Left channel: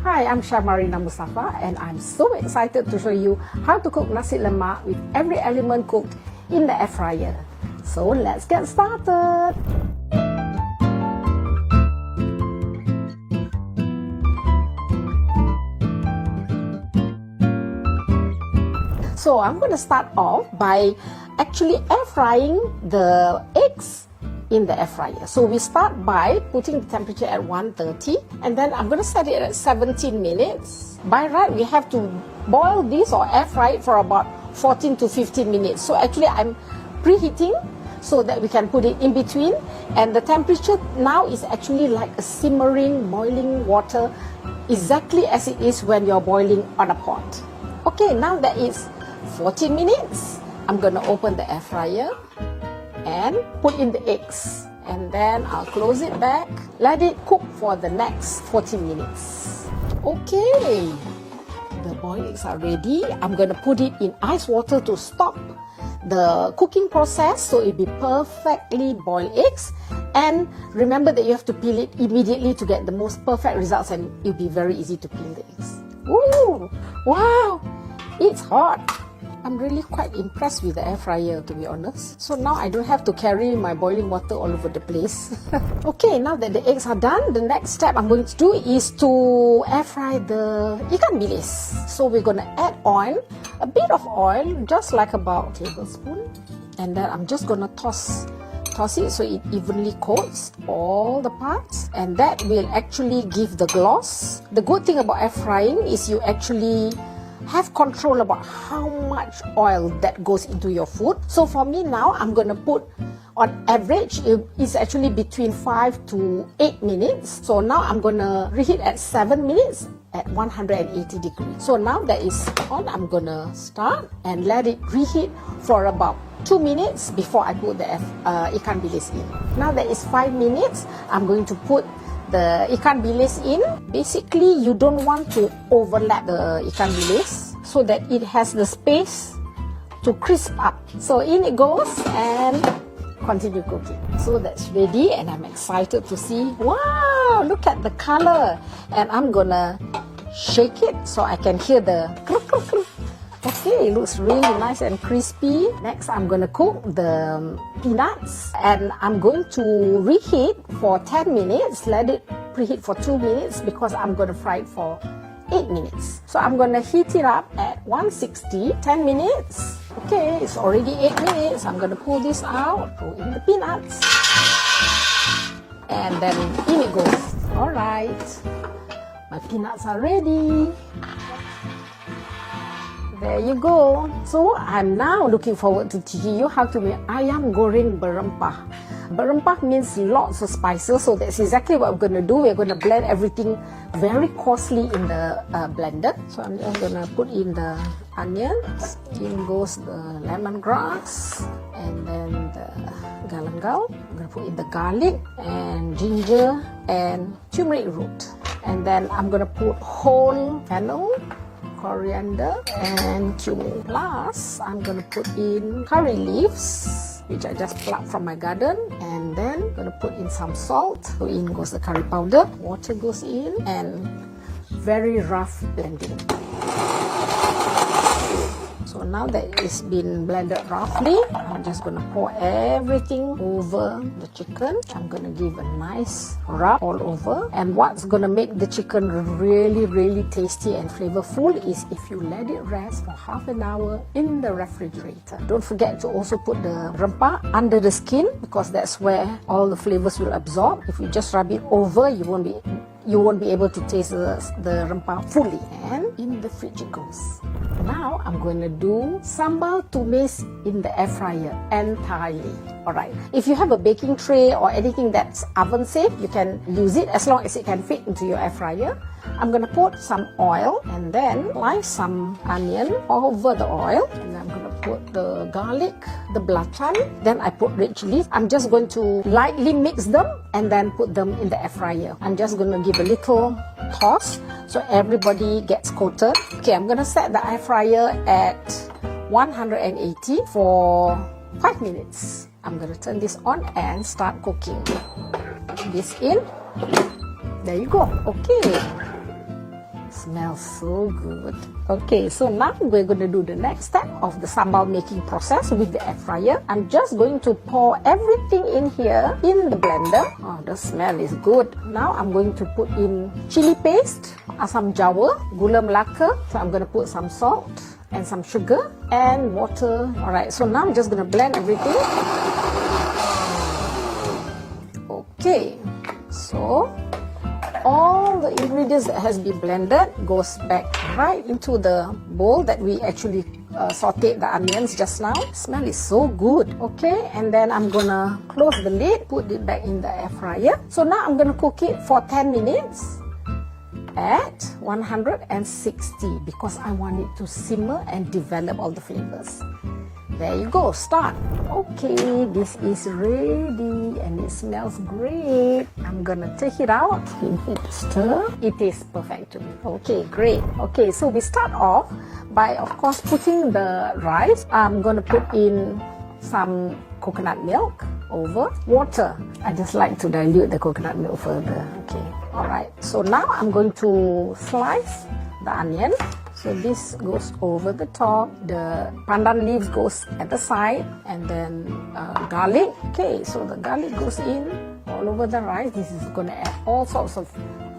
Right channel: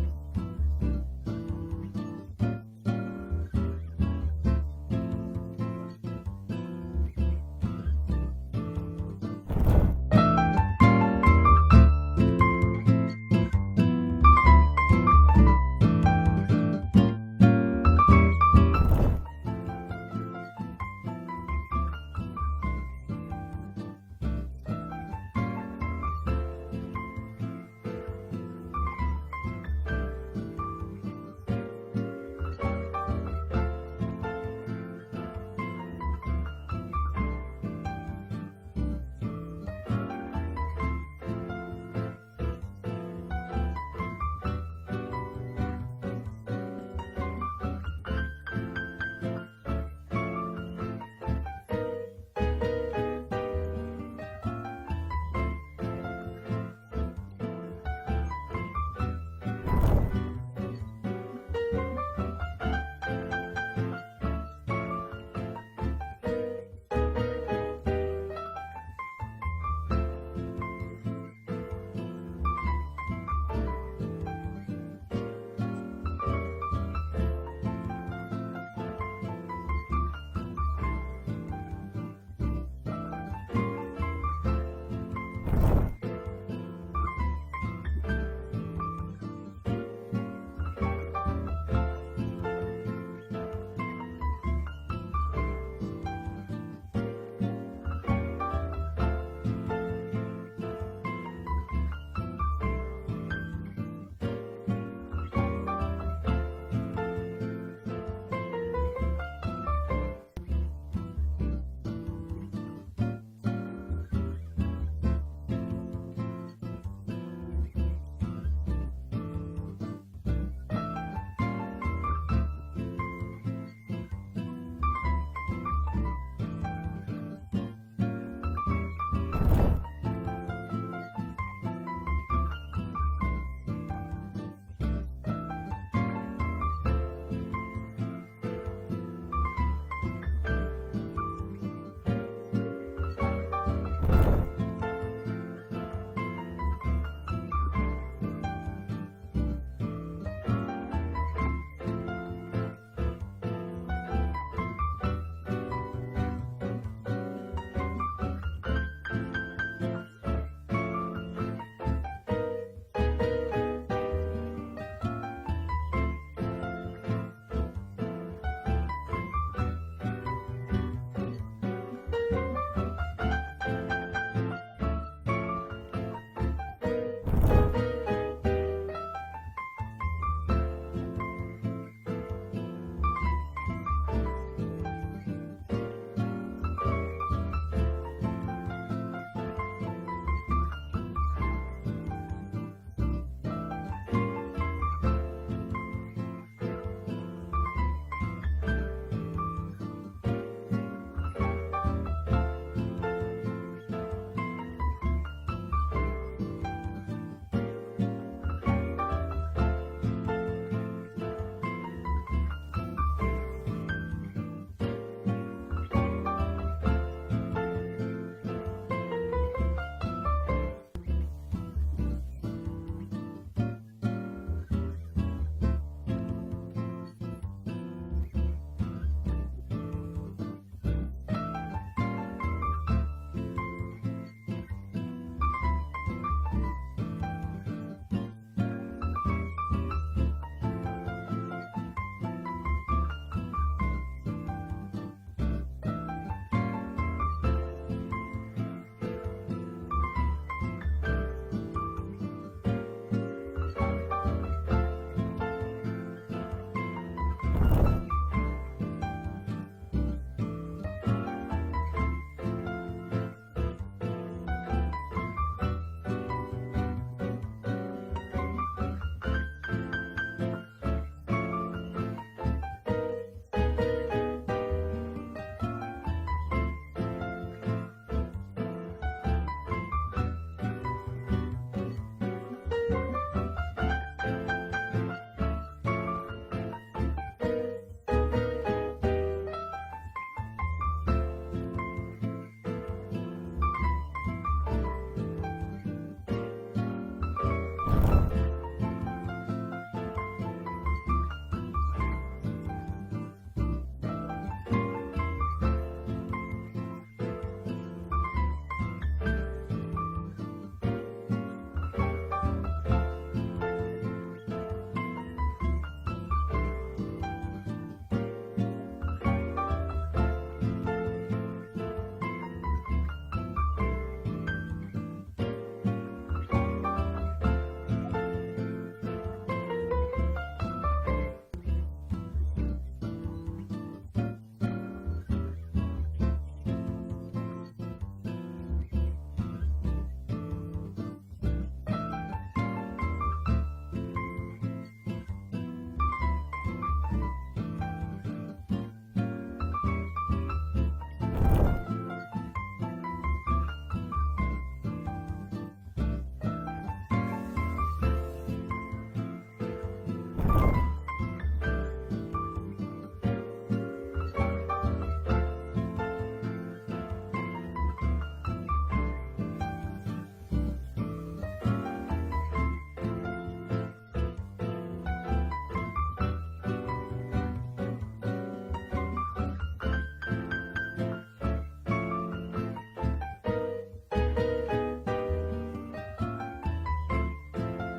Hi, I'm Chef Marina Mustafa and I'm so excited to show you how to cook nasi lemak with every element cooked in the air fryer. So let's get started. So I'm going to start off by actually air frying the eggs in the air fryer. So we start by putting the temperature at 130 and then I'm going to set it at 17 minutes. By right, we have to boil this or air fry it for about 14 to 15 minutes. So actually I'm preheating so that we can put it in between, and the temperature now is actually like a simmering, boiling water, exactly as it is when you're boiling on a pot. Okay, now that it's 14 minutes, I'm going to open the air fryer and put in the eggs, and then I'll close it back, let it cook for the next 14 minutes. Okay, the boiled eggs are ready. I'm going to put it in ice water to stop the cooking process, so it'll be perfectly boiled eggs. And remember that you have to peel it immediately to get the most perfect results, and it'll be very easy to peel the eggs. Ooh, wow, it's hot. I'm really quite impressed with the air fryer, to be honest. So now I don't have to carry my boiling water all over the place. Okay, now that the eggs are done, the next step I'm going to do is to air fry the ikan bilis. So we're going to add oil, a bit of oil, just like about a tablespoon. And then I'm just going to toss it so it evenly coats all the parts, and that will actually give the gloss. The good thing about air frying is you actually have control about how much oil that goes into your food. So for me now, I'm going to put, on average, it's actually between 5 to 8 minutes. So now I'm going to reheat at 7 minutes at 180 degrees. So now that is on, I'm going to start and let it reheat for about 2 minutes before I put the ikan bilis in. Now that is 5 minutes, I'm going to put the ikan bilis in. Basically, you don't want to overlap the ikan bilis so that it has the space to crisp up. So in it goes and continue cooking. So that's ready and I'm excited to see. Wow, look at the color. And I'm gonna shake it so I can hear the cluck, cluck, cluck. Okay, it looks really nice and crispy. Next, I'm going to cook the peanuts, and I'm going to reheat for 10 minutes. Let it preheat for 2 minutes because I'm going to fry it for 8 minutes. So I'm going to heat it up at 160, 10 minutes. Okay, it's already 8 minutes. I'm going to pull this out, put in the peanuts, and then in it goes. All right, my peanuts are ready. There you go. So I'm now looking forward to teaching you how to make ayam goreng berempah. Berempah means lots of spices, so that's exactly what we're going to do. We're going to blend everything very coarsely in the blender. So I'm just going to put in the onions, in goes the lemongrass, and then the galangal. I'm going to put in the garlic and ginger and turmeric root. And then I'm going to put whole fennel, coriander and cumin. Last, I'm going to put in curry leaves, which I just plucked from my garden, and then I'm going to put in some salt. So in goes the curry powder, water goes in, and very rough blending. So now that it's been blended roughly, I'm just going to pour everything over the chicken. I'm going to give a nice rub all over. And what's going to make the chicken really, really tasty and flavorful is if you let it rest for half an hour in the refrigerator. Don't forget to also put the rempah under the skin because that's where all the flavors will absorb. If you just rub it over, you won't be able to taste the rempah fully. And in the fridge it goes. Now I'm going to do sambal tumis in the air fryer entirely. Alright, if you have a baking tray or anything that's oven safe, you can use it as long as it can fit into your air fryer. I'm going to put some oil and then slice some onion over the oil. And I'm going to put the garlic, the belacan, then I put red chilies. I'm just going to lightly mix them and then put them in the air fryer. I'm just going to give a little toss so everybody gets coated. Okay, I'm going to set the air fryer at 180 for 5 minutes. I'm going to turn this on and start cooking. This in. There you go. Okay. smells so good. Okay, so now we're going to do the next step of the sambal making process with the air fryer. I'm just going to pour everything in here in the blender. Oh, the smell is good. Now I'm going to put in chili paste, asam jawa, gula melaka. So I'm going to put some salt and some sugar and water. Alright, so now I'm just going to blend everything. Okay, so all the ingredients that has been blended goes back right into the bowl that we actually sauteed the onions just now. Smell is so good. Okay, and then I'm gonna close the lid, put it back in the air fryer. So now I'm gonna cook it for 10 minutes at 160 because I want it to simmer and develop all the flavors. There you go, start. Okay, this is ready and it smells great. I'm gonna take it out. Give it a stir. It is perfect to me. Okay, great. Okay, so we start off by, of course, putting the rice. I'm gonna put in some coconut milk over water. I just like to dilute the coconut milk further. Okay, alright. So now I'm going to slice the onion. So this goes over the top, the pandan leaves goes at the side, and then garlic. Okay, so the garlic goes in all over the rice. This is going to add all sorts of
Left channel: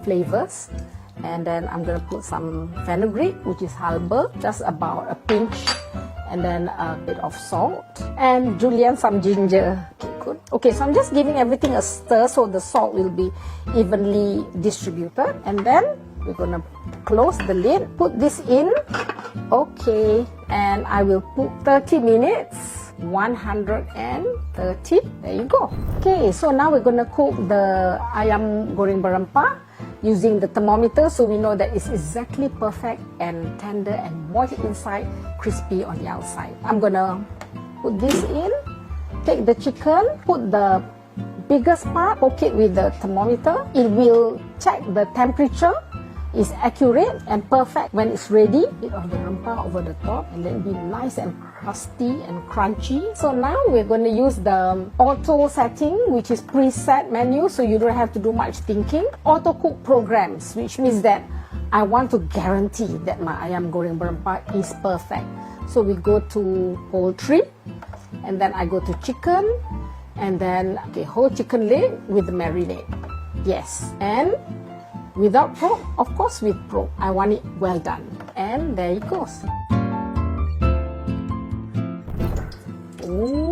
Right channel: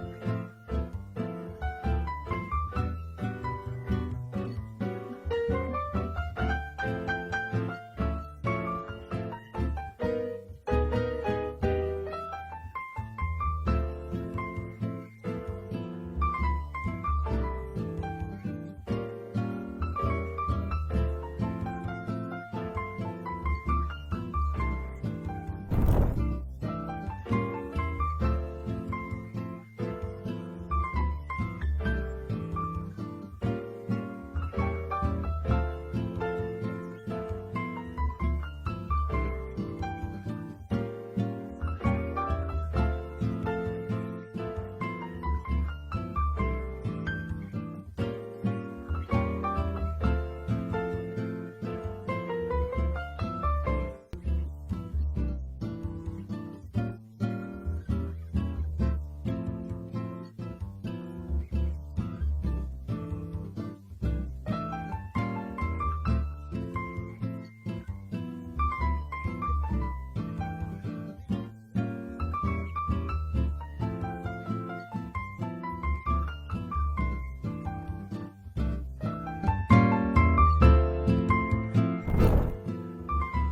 flavors. And then I'm going to put some fenugreek, which is halba, just about a pinch, and then a bit of salt, and julienne, some ginger. Okay, good. Okay, so I'm just giving everything a stir so the salt will be evenly distributed. And then we're going to close the lid, put this in. Okay, and I will put 30 minutes, 130. There you go. Okay, so now we're going to cook the ayam goreng berempah using the thermometer so we know that it's exactly perfect and tender and moist inside, crispy on the outside. I'm going to put this in, take the chicken, put the biggest part, poke it with the thermometer. It will check the temperature is accurate and perfect. When it's ready, bit of rempah over the top, and then be nice and crusty and crunchy. So now we're going to use the auto setting, which is preset menu, so you don't have to do much thinking. Auto cook programs, which means that I want to guarantee that my ayam goreng berempah is perfect. So we go to poultry, and then I go to chicken, and then whole chicken leg with the marinade. Yes, and without pork, of course with pork. I want it well done. And there it goes. Ooh.